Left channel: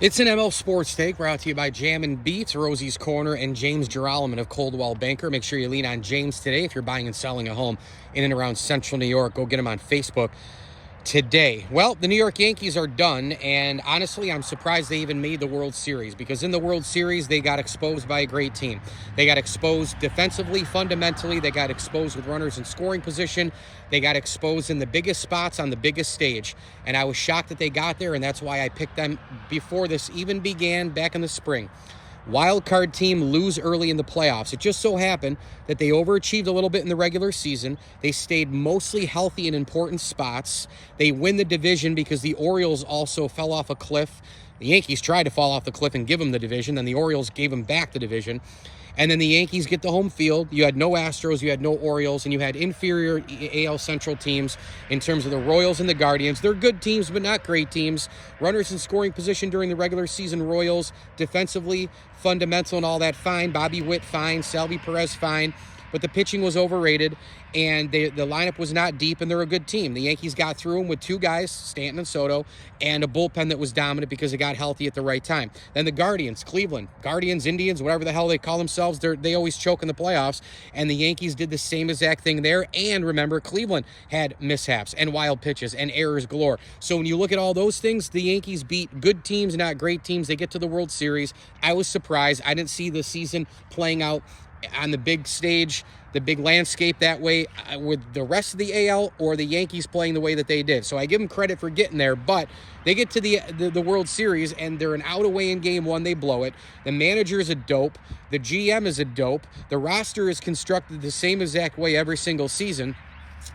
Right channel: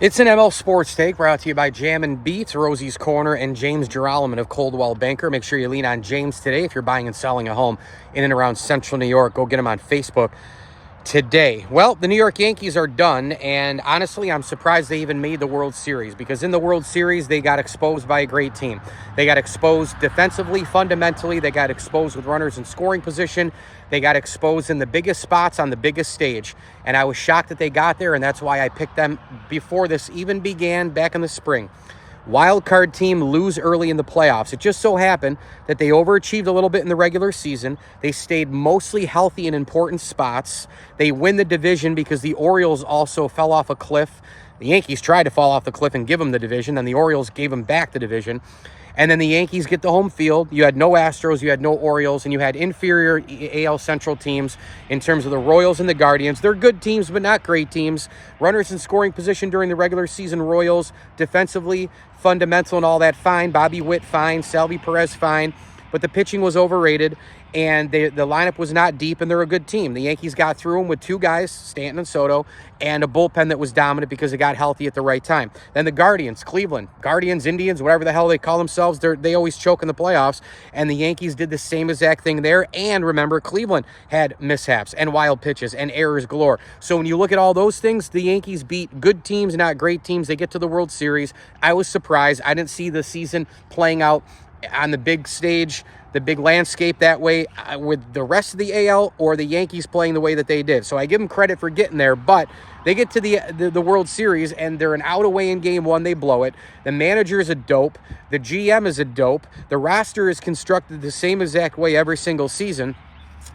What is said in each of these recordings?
It's an ML Sports Take brought to you by Jam and Beats, Rosie's Corner, and James Geralman of Coldwell Banker. Make sure you lean on James today if you're buying and selling a home in and around Central New York. Go get him on Facebook today. Well, the New York Yankees are done, and honestly, I'm surprised they even made the World Series, because in the World Series, they got exposed by a great team. They got exposed defensively, fundamentally. They got exposed with runners in scoring position. They got exposed in the biggest spots on the biggest stage, and I was shocked that they got there, and that's why I picked them before this even began back in the spring. Wild card team lose early in the playoffs. It just so happened that they overachieved a little bit in the regular season. They stayed mostly healthy in important spots. They win the division because the Orioles also fell off a cliff. The Yankees tried to fall off the cliff and give them the division, and the Orioles gave them back the division. And then the Yankees get the home field. You had no Astros, you had no Orioles, and you had inferior AL Central teams in terms of the Royals and the Guardians. They're good teams, but not great teams. Runners in scoring position during the regular season, Royals. Defensively, fundamental and all that, fine. Bobby Witt, fine. Salvi Perez, fine. But the pitching was overrated, and the lineup was not deep, and they're a good team. The Yankees got through them with two guys, Stanton and Soto, and a bullpen that was dominant because it got healthy at the right time. Then the Guardians, Cleveland, Guardians, Indians, whatever the hell they call themselves, they always choke in the playoffs, and the Yankees did the same exact thing there. And remember, Cleveland had mishaps and wild pitches and errors galore. So when you look at all those things, the Yankees beat good teams, not great teams. They get to the World Series. I was surprised. I didn't see the season playing out on the big stage, the big landscape that way with the rest of the AL or the Yankees playing the way that they did. So I give them credit for getting there, but they get to the World Series and they're an out away in game one. They blow it. The manager is a dope. The GM is a dope. The roster is constructed the same exact way every single season.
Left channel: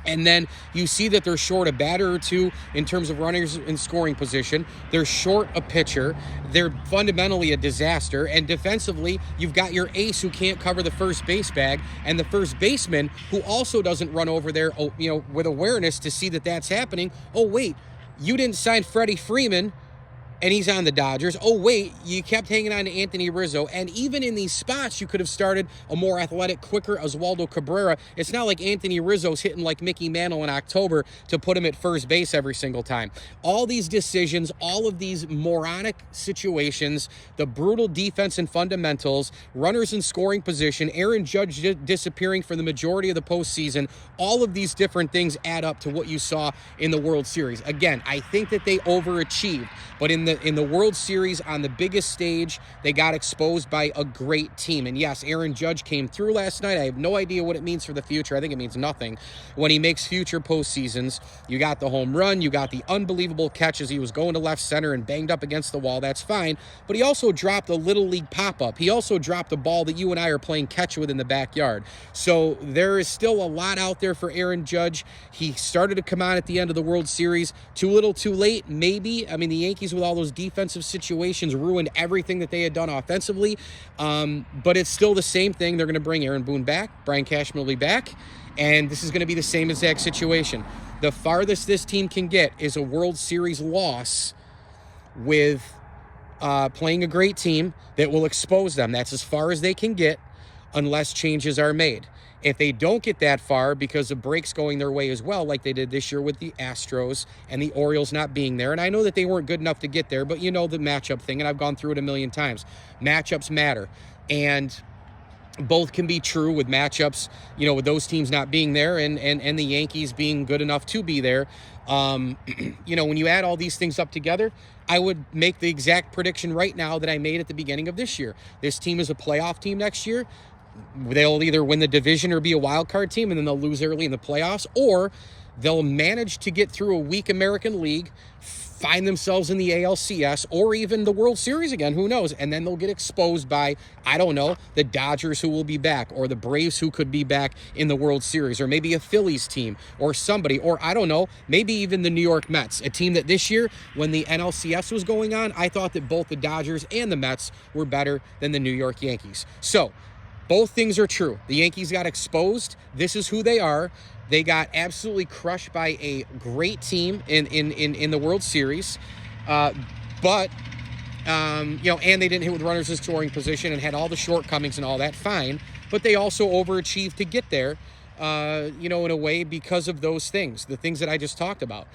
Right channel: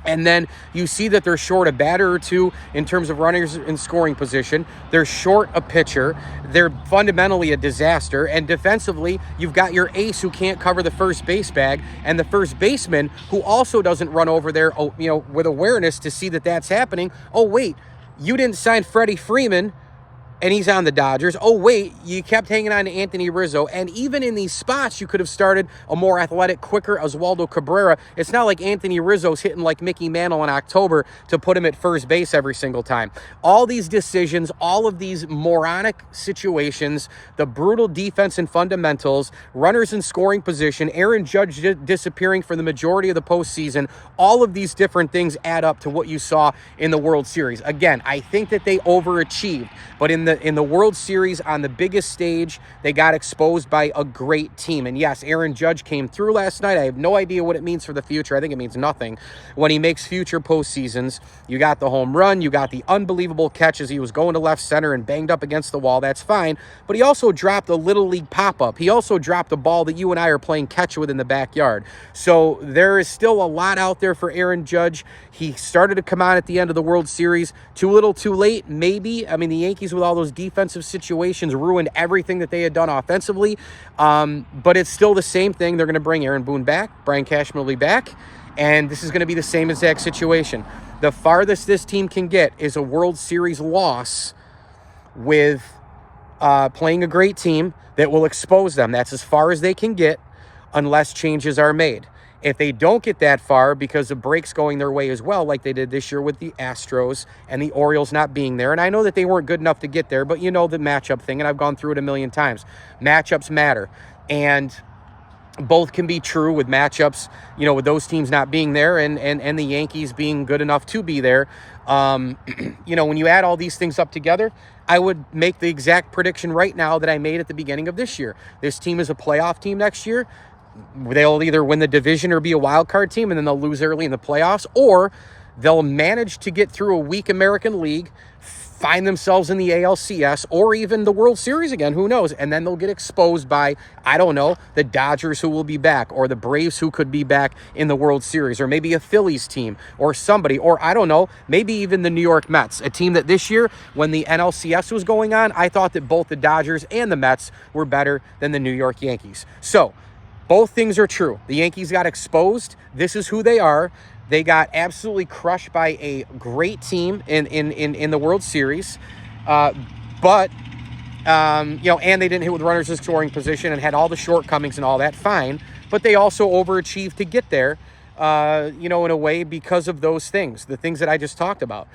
And then you see that they're short a batter or two in terms of runners in scoring position. They're short a pitcher. They're fundamentally a disaster. And defensively, you've got your ace who can't cover the first base bag, and the first baseman who also doesn't run over there, with awareness to see that that's happening. Oh, wait, you didn't sign Freddie Freeman, and he's on the Dodgers. Oh, wait, you kept hanging on to Anthony Rizzo. And even in these spots, you could have started a more athletic, quicker Oswaldo Cabrera. It's not like Anthony Rizzo's hitting like Mickey Mantle in October to put him at first base every single time. All these decisions, all of these moronic situations, the brutal defense and fundamentals, runners in scoring position, Aaron Judge disappearing for the majority of the postseason, all of these different things add up to what you saw in the World Series. Again, I think that they overachieved, but in the World Series on the biggest stage, they got exposed by a great team. And yes, Aaron Judge came through last night. I have no idea what it means for the future. I think it means nothing when he makes future postseasons. You got the home run. You got the unbelievable catch as he was going to left center and banged up against the wall. That's fine. But he also dropped a little league pop-up. He also dropped a ball that you and I are playing catch with in the backyard. So there is still a lot out there for Aaron Judge. He started to come on at the end of the World Series. Too little, too late, maybe. I mean, the Yankees with all those defensive situations ruined everything that they had done offensively. But it's still the same thing. They're going to bring Aaron Boone back. Brian Cashman will be back. And this is going to be the same exact situation. The farthest this team can get is a World Series loss with playing a great team that will expose them. That's as far as they can get unless changes are made. If they don't get that far because of breaks going their way as well, like they did this year with the Astros and the Orioles not being there, and I know that they weren't good enough to get there, but you know the matchup thing, and I've gone through it a million times. Matchups matter, and both can be true with matchups, with those teams not being there and the Yankees being good enough to be there. When you add all these things up together, I would make the exact prediction right now that I made at the beginning of this year. This team is a playoff team next year. They'll either win the division or be a wild card team, and then they'll lose early in the playoffs, or they'll manage to get through a weak American League, find themselves in the ALCS, or even the World Series again, who knows, and then they'll get exposed by, I don't know, the Dodgers who will be back, or the Braves who could be back in the World Series, or maybe a Phillies team, or somebody, or I don't know, maybe even the New York Mets, a team that this year, when the NLCS was going on, I thought that both the Dodgers and the Mets were better than the New York Yankees. So, both things are true. The Yankees got exposed. This is who they are. They got absolutely crushed by a great team in the World Series. And they didn't hit with runners in scoring position and had all the shortcomings and all that, fine. But they also overachieved to get there, in a way because of those things, the things that I just talked about.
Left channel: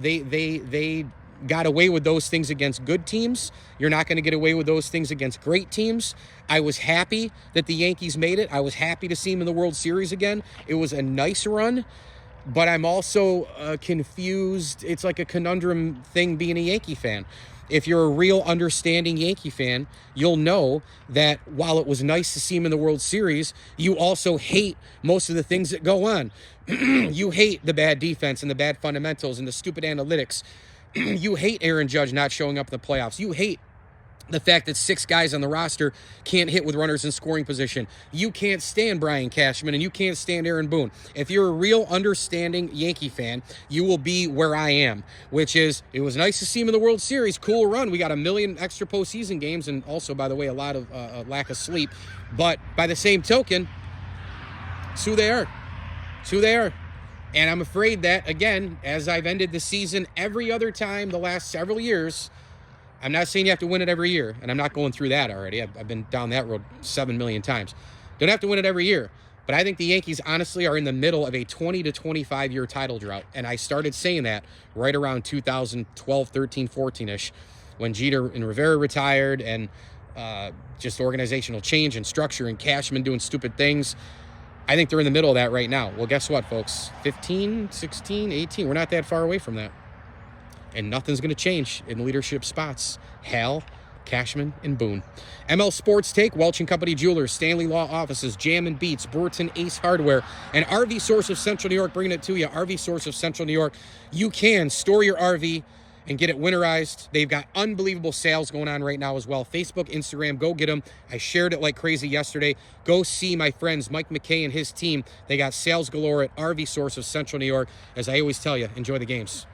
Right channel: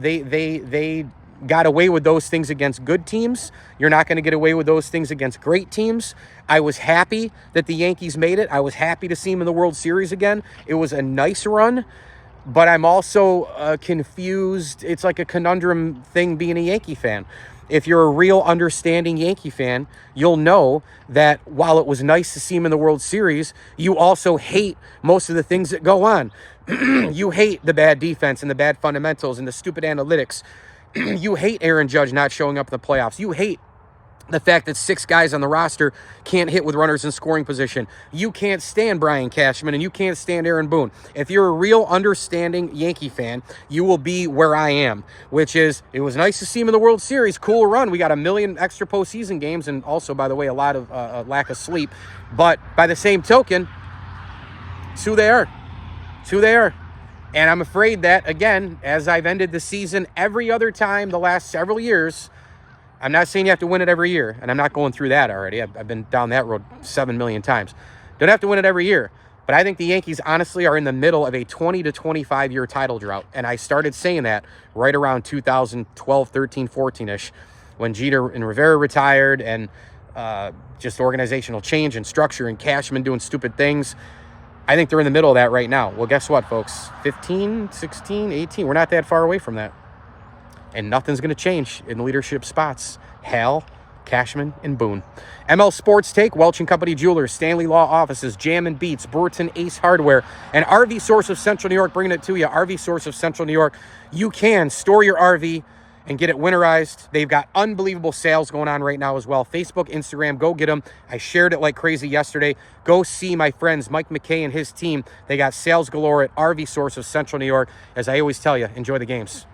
They got away with those things against good teams. You're not going to get away with those things against great teams. I was happy that the Yankees made it. I was happy to see them in the World Series again. It was a nice run, but I'm also confused. It's like a conundrum thing being a Yankee fan. If you're a real understanding Yankee fan, you'll know that while it was nice to see him in the World Series, you also hate most of the things that go on. You hate the bad defense and the bad fundamentals and the stupid analytics. You hate Aaron Judge not showing up in the playoffs. You hate the fact that 6 guys on the roster can't hit with runners in scoring position. You can't stand Brian Cashman and you can't stand Aaron Boone. If you're a real understanding Yankee fan, you will be where I am, which is, it was nice to see him in the World Series. Cool run. We got 1 million extra postseason games, and also, by the way, a lot of lack of sleep. But by the same token, it's who they are. It's who they are. And I'm afraid that, again, as I've ended the season every other time the last several years, I'm not saying you have to win it every year, and I'm not going through that already. I've been down that road 7 million times. Don't have to win it every year. But I think the Yankees, honestly, are in the middle of a 20 to 25-year title drought. And I started saying that right around 2012, 13, 14-ish, when Jeter and Rivera retired, and just organizational change and structure and Cashman doing stupid things. I think they're in the middle of that right now. Well, guess what, folks? 15, 16, 18. We're not that far away from that. And nothing's going to change in leadership spots. Hal, Cashman, and Boone. ML Sports Take, Welch & Company Jewelers, Stanley Law Offices, Jam and Beats, Burton Ace Hardware, and RV Source of Central New York, bringing it to you. RV Source of Central New York. You can store your RV and get it winterized. They've got unbelievable sales going on right now as well. Facebook, Instagram, go get them. I shared it like crazy yesterday. Go see my friends, Mike McKay and his team. They got sales galore at RV Source of Central New York. As I always tell you, enjoy the games.